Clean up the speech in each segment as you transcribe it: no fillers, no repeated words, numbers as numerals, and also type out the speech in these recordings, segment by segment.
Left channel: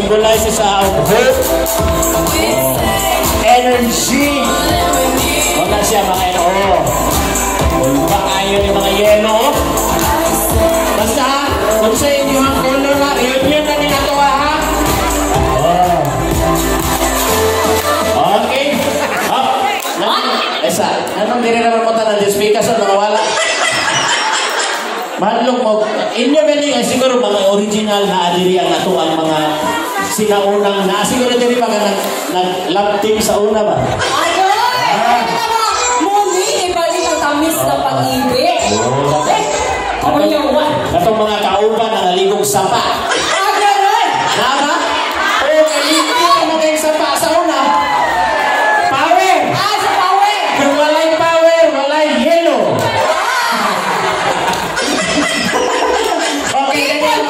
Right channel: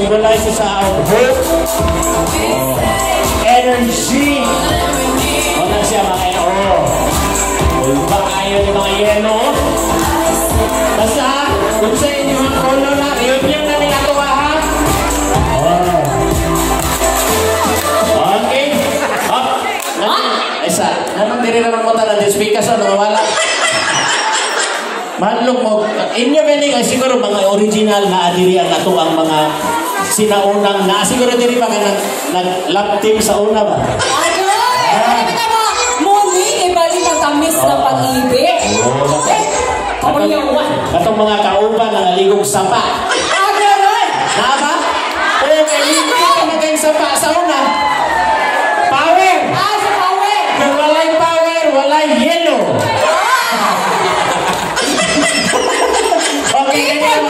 symbolizes our hope, energy. Wala siya mga ero. Wala ba kayo yung mga yelo? Basta, kung sa inyo ang color na, yun na nilagawa ha? Okay. Esa, anong dili naman mo tanan ng speaker sa nawala? Malong mo, inyo ganing siguro mga original na adirian na to ang mga sinaunang na siguro diri pa nag-lab team sa una ba? Mumi, iba din ang tamis ng pag-ibig. Katong mga kauban na naligong sapa. Tama? Oo, kaligong ka magayong sapa sa una. Power! Sa power! Kung walay power, walay yellow. Okay, ganyan.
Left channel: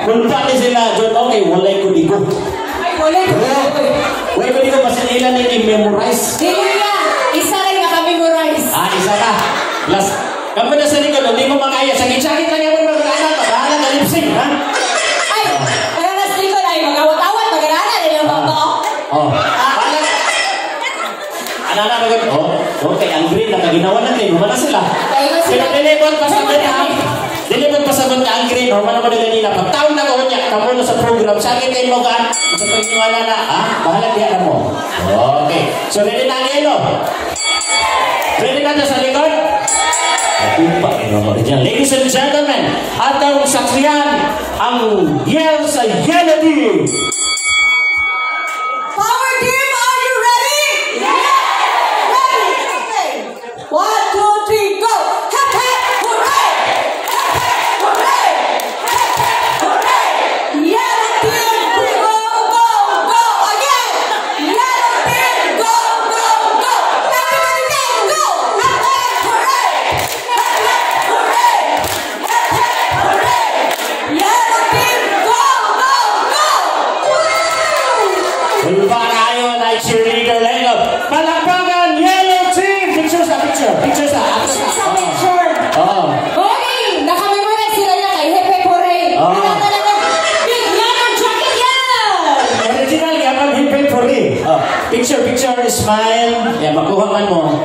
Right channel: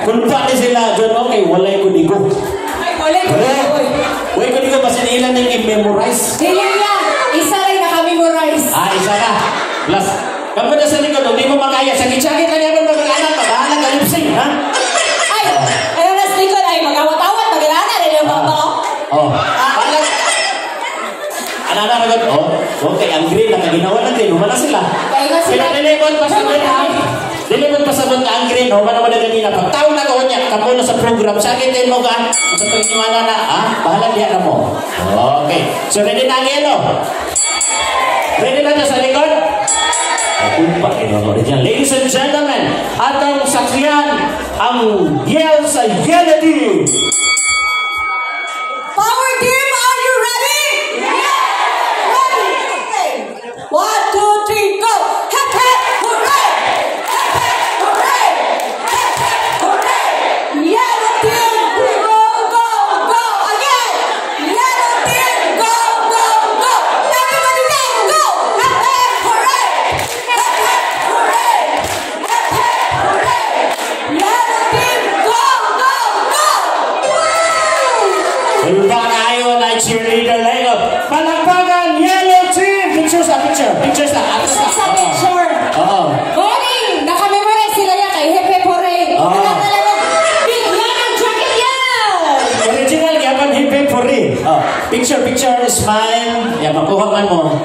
Kung pa ni sila, John, okay, walay kudigo. Ay, walay kudigo. Walay kudigo, kasi ilan na yung memorize. Isa lang naka-memorize. Isa ka. Plus, kapag na sa likod, hindi mo makaya. Sakit-sakit na niya mo mag-anak. Bahala na lip-sync, ha? Ay, pero nasa likod ay mag-awat-awat, mag-anak, hindi na mga okay, ang green na ginawa natin. Humana sila. Sila dilipot pa sa green, ha? Dilipot pa sa green ang green. Humana mo na ganina. Pagtaon na ko niya, kapuno sa program. Sakit din mo ka. Sa pagkiwala na, ha? Bahala diyan na mo. Okay. So, ready na ang yellow. Ready na sa likod? Ladies and gentlemen, atong saksiyan ang yell sa yellow team. Power team, are you ready? Yeah! Ready? Okay. 1, 2, 3, go! Hep, hep, hooray! Hep, hep, hooray! Hep, hep, hooray! Yellow team, go, go, go! Again! Yellow team, go, go, go! Everybody say, go! Hep, hep, hooray! Hep, hep, hooray! Hep, hep, hooray! Yellow team, go, go, go! Iba kayo na cheerleader lang. Palakpakan, yellow team! Picture sa picture. Picture sa picture. Oo. Okay, nakamemorize sila yan ay Hep Hep Hooray. Yan ang jacket yellow. Original, yaman Hep Hep Hooray. Picture, smile. Yan, makuha man mo.